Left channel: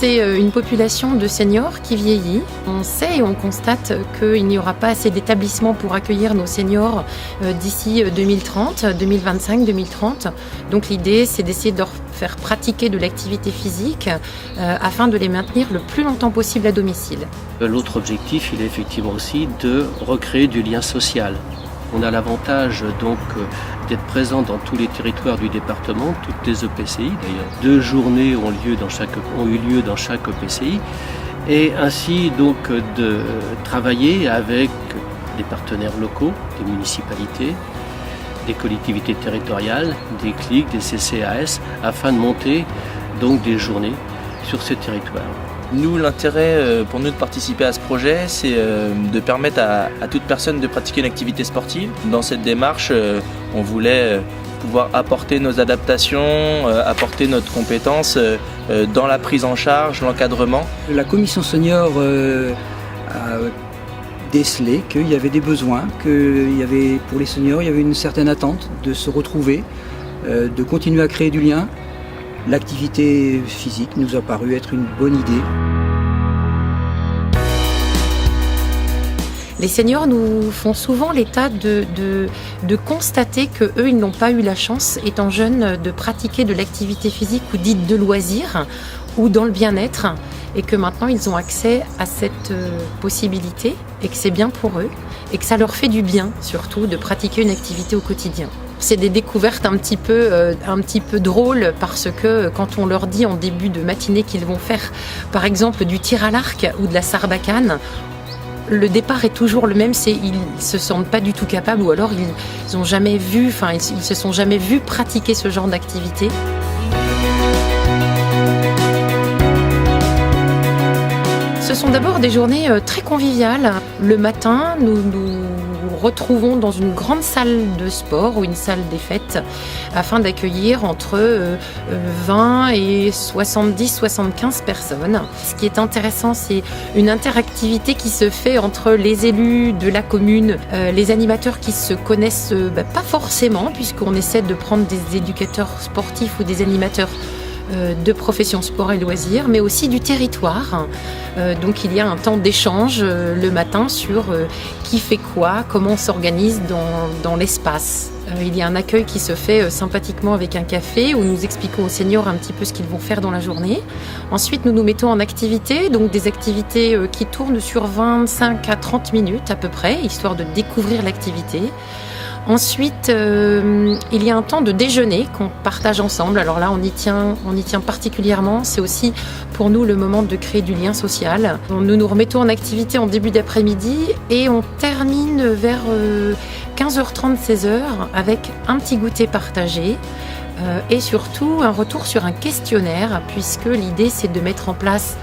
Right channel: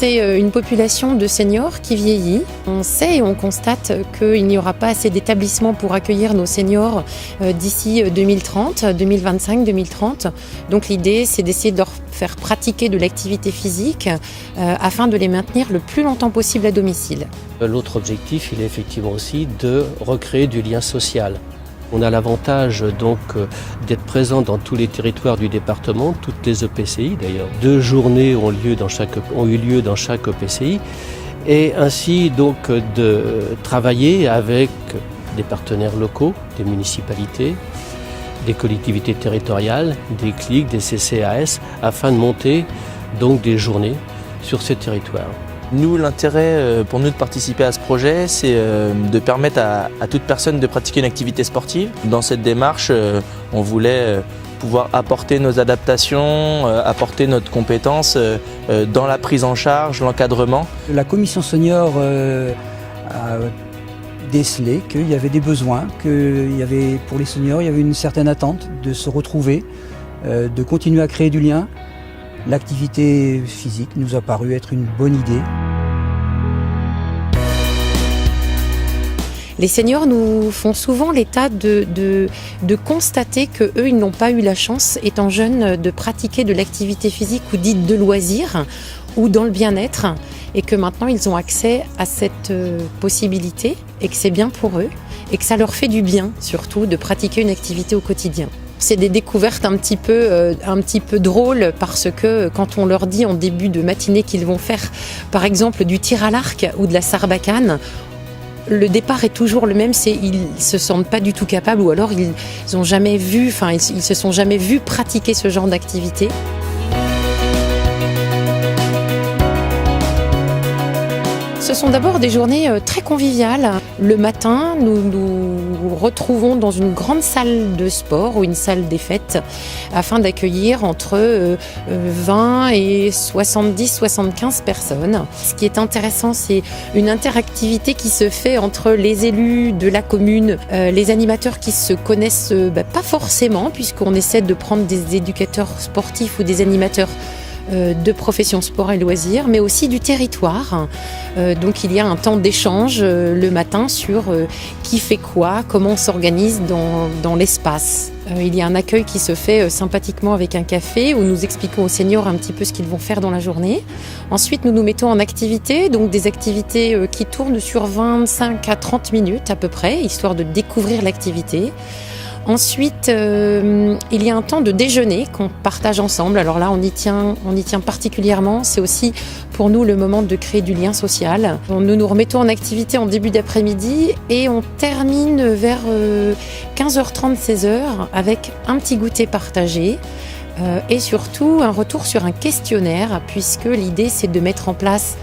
C'est une population de seniors qui vieillit. On sait et on constate qu'il n'y aura pas assez d'établissements pour accueillir nos seniors d'ici 2030, 2025, 2030. Donc l'idée, c'est d'essayer de leur faire pratiquer de l'activité physique afin de les maintenir le plus longtemps possible à domicile. L'autre objectif, il est effectivement aussi de recréer du lien social. On a l'avantage donc d'être présent dans tous les territoires du département, toutes les EPCI d'ailleurs. 2 journées ont eu lieu dans chaque EPCI et ainsi donc de travailler avec des partenaires locaux, des municipalités, des collectivités territoriales, des CLIC, des CCAS, afin de monter donc des journées sur ces territoires. Nous, l'intérêt pour nous de participer à ce projet, c'est de permettre à toute personne de pratiquer une activité sportive. Dans cette démarche, on voulait pouvoir apporter nos adaptations, apporter notre compétence dans la prise en charge, l'encadrement. La commission senior a décelé qu'il y avait des besoins, pour les seniors, il y avait une certaine attente de se retrouver, de continuer à créer du lien. L'activité physique nous a paru être une bonne idée. Les seniors nous font souvent l'état de constater qu'eux, ils n'ont pas eu la chance, étant jeunes, de pratiquer de l'activité physique ou dite de loisir ou dans le bien-être, et que maintenant ils ont accès à cette possibilité et que c'est bien pour eux et que ça leur fait du bien surtout de pratiquer une activité au quotidien. C'est des découvertes un petit peu drôles parce que quand on leur dit en début de matinée qu'ils vont faire par exemple du tir à l'arc ou de la sarbacane, le départ est toujours le même, ils se sentent pas du tout capables ou alors ils se sont jamais vus pratiquer ce genre d'activité. Ce sont d'abord des journées très conviviales. Le matin, nous retrouvons dans une grande salle de sport ou une salle des fêtes afin d'accueillir entre 20 et 70-75 personnes. Ce qui est intéressant, c'est une interactivité qui se fait entre les élus de la commune, les animateurs qui se connaissent pas forcément puisqu'on essaie de prendre des éducateurs sportifs ou des animateurs de profession sport et loisirs, mais aussi du territoire. Donc il y a un temps d'échange le matin sur qui fait quoi, comment on s'organise dans l'espace. Il y a un accueil qui se fait sympathiquement avec un café où nous expliquons aux seniors un petit peu ce qu'ils vont faire dans la journée. Ensuite, nous nous mettons en activité, donc des activités qui tournent sur 25 à 30 minutes à peu près, histoire de découvrir l'activité. Ensuite, il y a un temps de déjeuner qu'on partage ensemble. Alors là, on y tient particulièrement. C'est aussi pour nous le moment de créer du lien social. Nous nous remettons en activité en début d'après-midi et on termine vers 15h30, 16h avec un petit goûter partagé. Et surtout un retour sur un questionnaire puisque l'idée c'est de mettre en place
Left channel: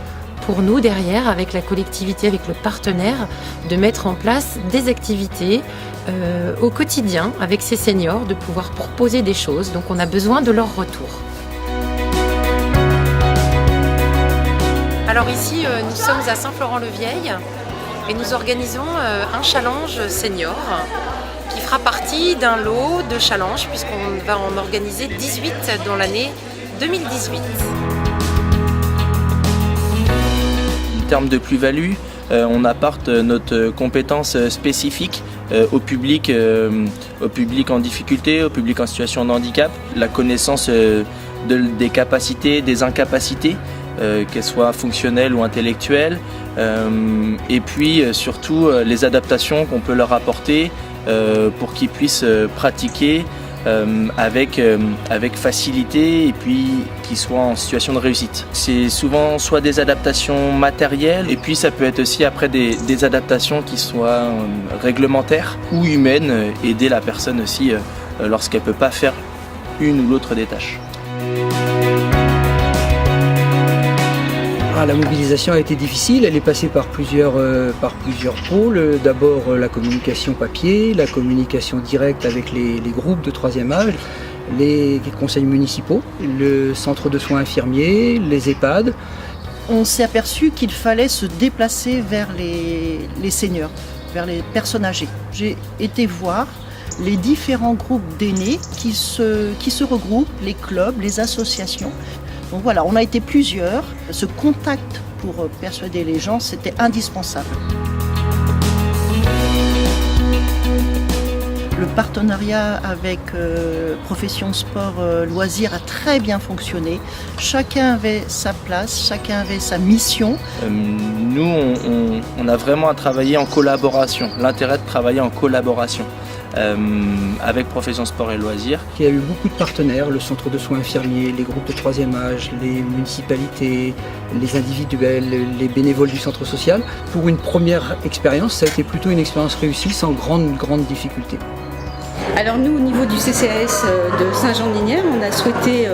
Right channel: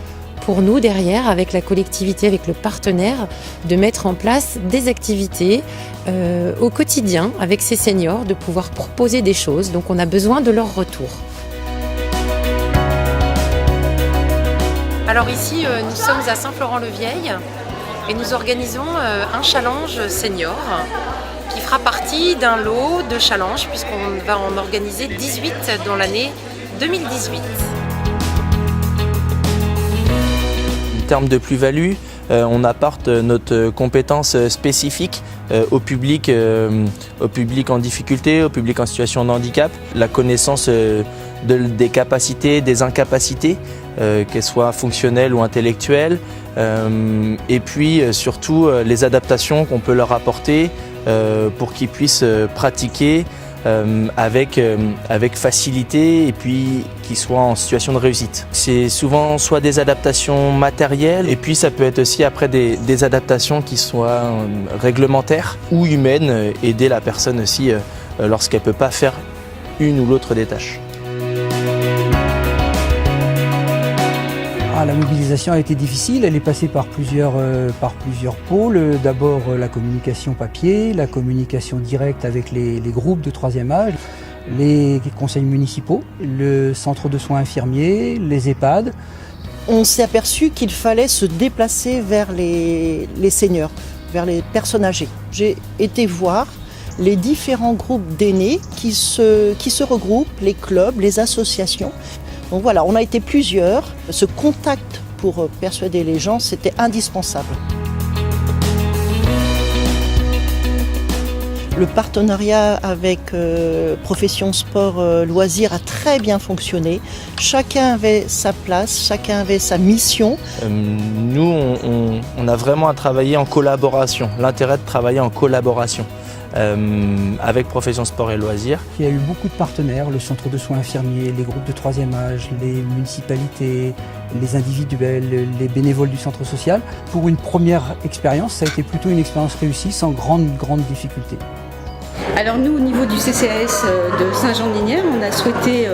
pour nous derrière, avec la collectivité, avec le partenaire, de mettre en place des activités au quotidien avec ces seniors, de pouvoir proposer des choses. Donc on a besoin de leur retour. Alors ici, nous sommes à Saint-Florent-le-Vieil et nous organisons un challenge senior qui fera partie d'un lot de challenges puisqu'on va en organiser 18 dans l'année 2018. En termes de plus-value, on apporte notre compétence spécifique au public en difficulté, au public en situation de handicap, la connaissance des capacités, des incapacités, qu'elles soient fonctionnelles ou intellectuelles, et puis surtout les adaptations qu'on peut leur apporter pour qu'ils puissent pratiquer avec facilité et puis qu'ils soient en situation de réussite. C'est souvent soit des adaptations matérielles et puis ça peut être aussi après des adaptations qui soient réglementaires ou humaines, aider la personne aussi lorsqu'elle ne peut pas faire une ou l'autre des tâches. La mobilisation a été difficile, elle est passée par plusieurs pôles. D'abord la communication papier, la communication directe avec les groupes de troisième âge, les conseils municipaux, le centre de soins infirmiers, les EHPAD. On s'est aperçu qu'il fallait se déplacer vers les seniors, vers les personnes âgées. J'ai été voir les différents groupes d'aînés qui se regroupent, les clubs, les associations, Donc voilà, on a été plusieurs. Ce contact pour persuader les gens, c'était indispensable. Le partenariat avec Profession Sport Loisirs a très bien fonctionné. Chacun avait sa place, chacun avait sa mission. Nous, on a vraiment à travailler en collaboration, l'intérêt de travailler en collaboration avec Profession Sport et Loisirs. Il y a eu beaucoup de partenaires, le centre de soins infirmiers, les groupes de troisième âge, les municipalités, les individuels, les bénévoles du centre social. Pour une première expérience, ça a été plutôt une expérience réussie sans grande difficulté. Alors nous, au niveau du CCAS de Saint-Jean-de-Lignières, on a souhaité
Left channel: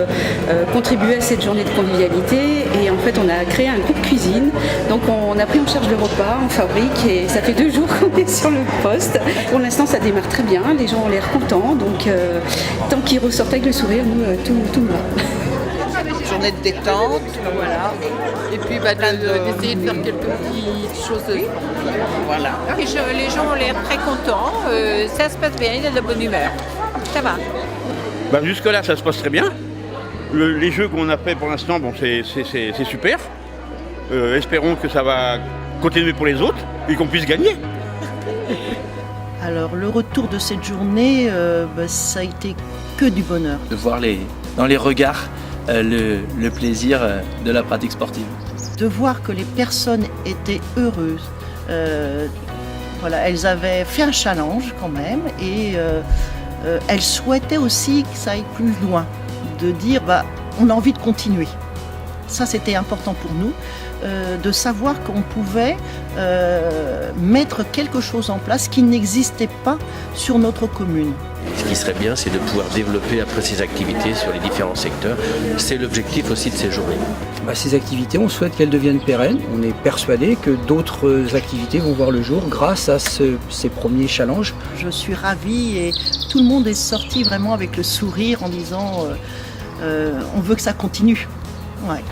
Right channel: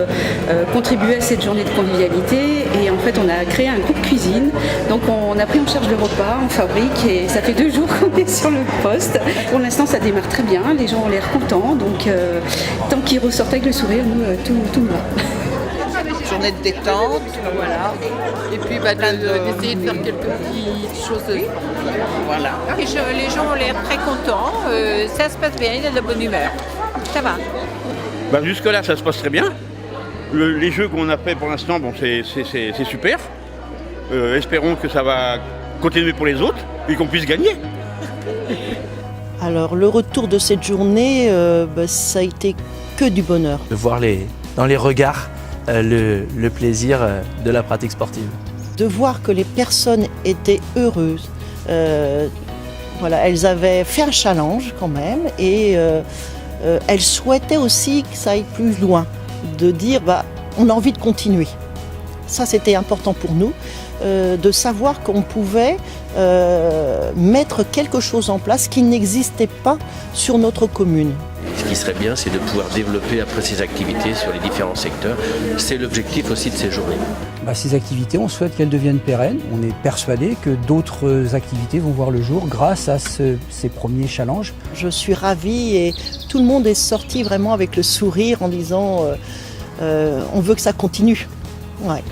contribuer à cette journée de convivialité et en fait on a créé un groupe cuisine. Donc on a pris en charge le repas, on fabrique et ça fait 2 jours qu'on est sur le poste. Pour l'instant ça démarre très bien, les gens ont l'air contents, donc tant qu'ils ressortent avec le sourire, nous tout me va. Journée de détente, voilà. Et puis d'essayer de faire quelques petites choses. Voilà. Et les gens ont l'air très contents, ça se passe bien, il y a de la bonne humeur. Ça va. Jusque-là, ça se passe très bien. Les jeux qu'on a fait pour l'instant, c'est super. Espérons que ça va continuer pour les autres et qu'on puisse gagner. Alors le retour de cette journée, ça a été que du bonheur. De voir dans les regards le plaisir de la pratique sportive. De voir que les personnes étaient heureuses. Voilà, elles avaient fait un challenge quand même et elles souhaitaient aussi que ça aille plus loin. De dire, on a envie de continuer. Ça, c'était important pour nous, de savoir qu'on pouvait mettre quelque chose en place qui n'existait pas sur notre commune. Ce qui serait bien, c'est de pouvoir développer après ces activités sur les différents secteurs. C'est l'objectif aussi de ces journées. Ces activités, on souhaite qu'elles deviennent pérennes. On est persuadé que d'autres activités vont voir le jour grâce à ces premiers challenges. Je suis ravie et tout le monde est sorti vraiment avec le sourire en disant on veut que ça continue. Ouais.